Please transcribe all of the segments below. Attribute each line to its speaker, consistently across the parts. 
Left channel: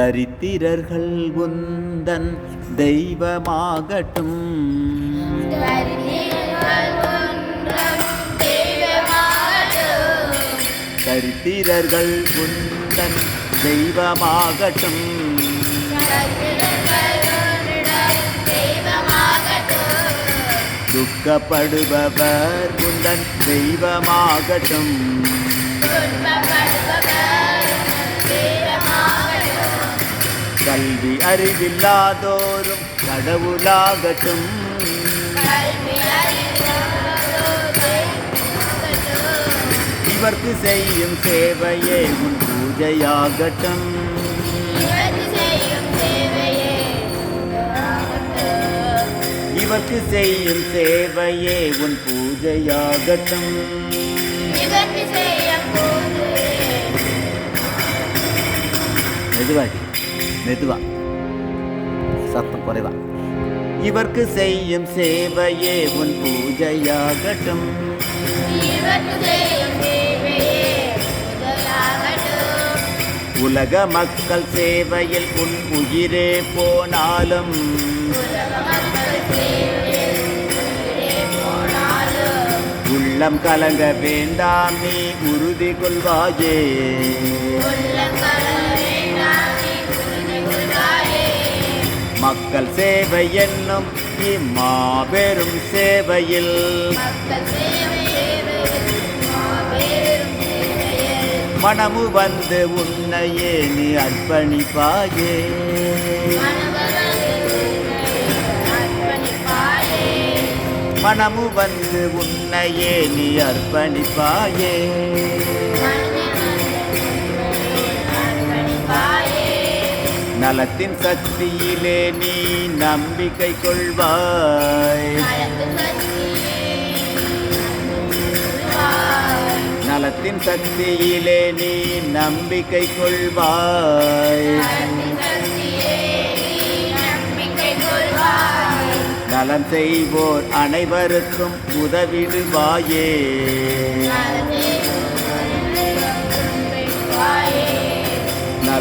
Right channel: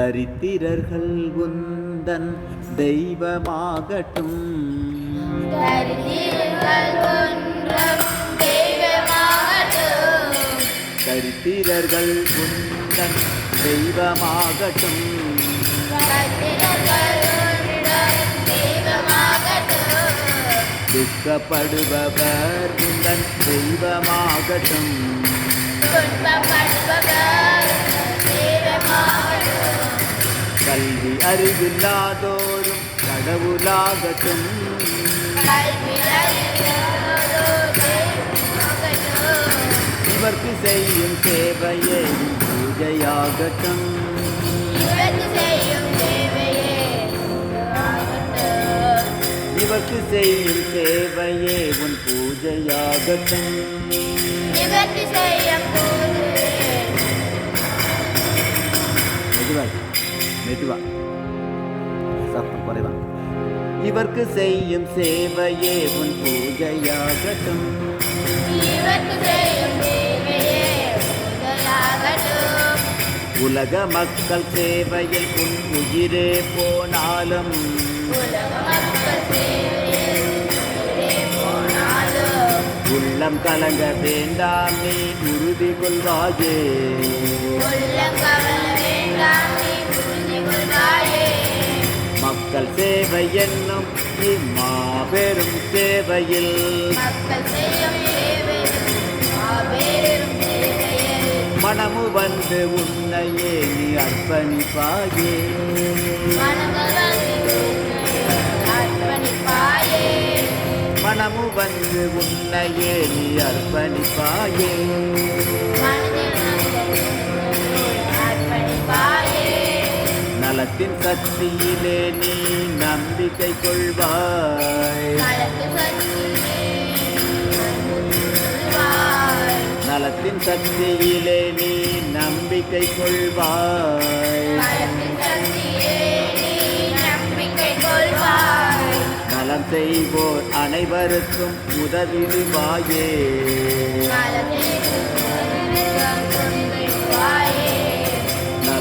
Speaker 1: தரித்திரர்கள் உந்தன் தெய்வமாகட்டும். தரித்திரர்கள் உந்தன் தெய்வமாகட்டும். துக்கப்படுபவர் உந்தன் தெய்வமாகட்டும். கல்வி அறிவில்லாதோரும் கடவுளாகட்டும். இவர்க்கு செய்யும் சேவையே பூஜையாகட்டும். இவர்க்கு செய்யும் சேவையே உன் பூஜையாகட்டும். மெதுவா மெதுவா. சத்தம் குறைவா. இவர்க்கு செய்யும் சேவையே உன் பூஜையாகட்டும். உலக மக்கள் சேவையில் உன் உயிரே போனாலும். உள்ளம் கலங்க வேண்டாம் நீ உறுதி கொள்வாயே. மக்கள் சேவை என்னும் இம்மாபெரும் சேவையில். மனமு வந்து உன்னையே நீ அர்ப்பணிப்பாயே. மனமு வந்து உன்னையே நீ அர்ப்பணிப்பாயே. நலத்தின் சக்தியிலே நீ நம்பிக்கை கொள்வாய். நலத்தின் சக்தியிலே நீ நம்பிக்கை கொள்வாய். நலம் செய்வோர் அனைவருக்கும் உதவிடுவாயே.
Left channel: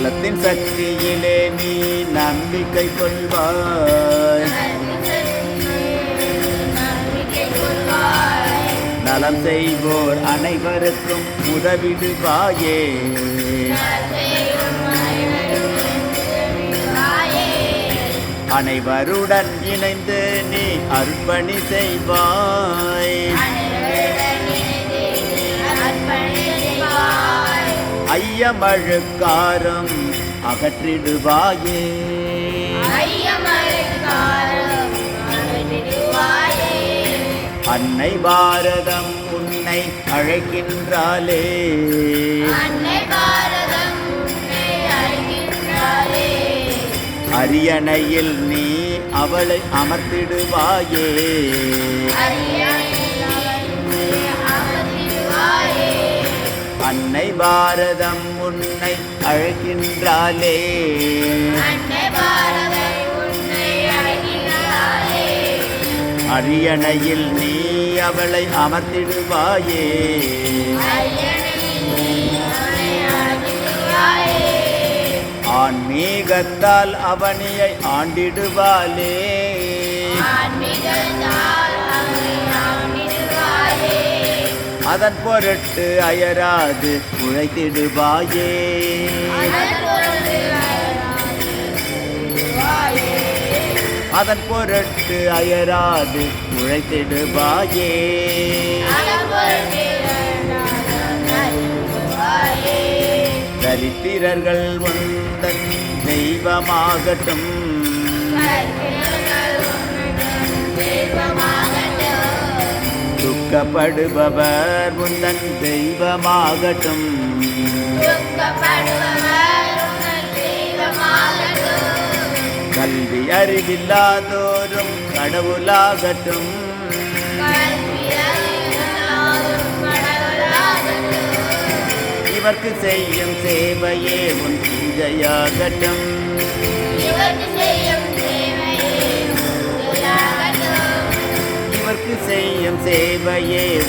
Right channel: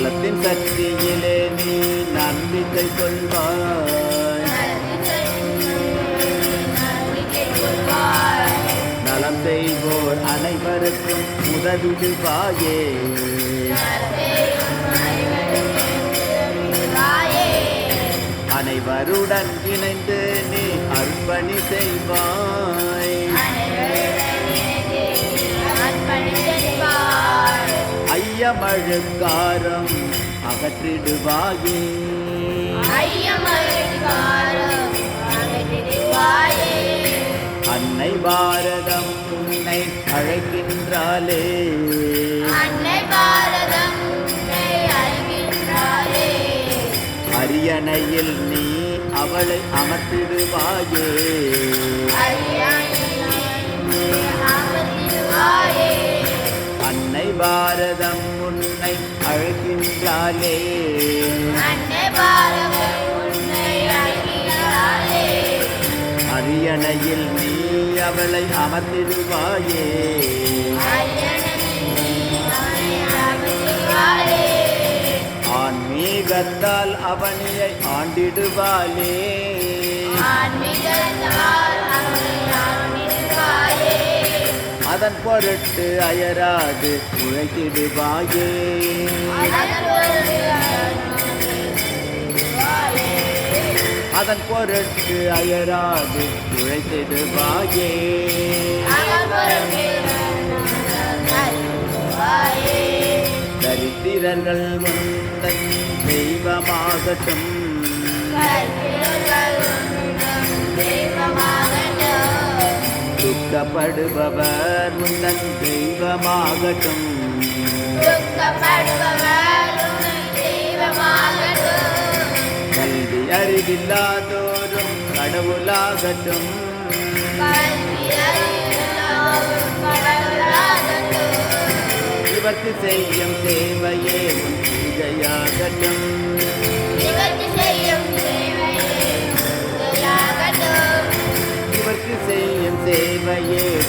Speaker 1: நலத்தின் சக்தியிலே நீ நம்பிக்கை கொள்வாய். நலம் செய்வோர் அனைவருக்கும் உதவிடுவாயே. அனைவருடன் இணைந்து நீ அர்ப்பணி செய்வாய். ஐயமழுக்காரம் அகற்றிடுவாயே. அன்னை பாரதம் உன்னை அழைக்கின்றாளே. அரியணையில் நீ அவளை அமர்த்திடுவாயே. அன்னை பாரதம் உன்னை அழைக்கின்றாளே. அரியணையில் நீ அவளை அமர்த்திடுவாயே ஆன்மீகத்தால் அவனியை ஆண்டிடுவாளே. அதன் பொருட்டு அயராது உழைத்திடுவாயே. அதன் பொருட்டு அயராது உழைத்திடுவாயே. தரித்திரர்கள் உந்தன் தெய்வமாகட்டும். தெய்வமாக துக்கப்படுபவர் உன்னன் தெய்வமாகட்டும். கல்வி அறிவில்லாதோரும் கடவுளாகட்டும். இவர்க்கு செய்யும் சேவையே உன் பூஜையாகட்டும். இவர்க்கு செய்யும் சேவையே உன் பூஜையாகட்டும்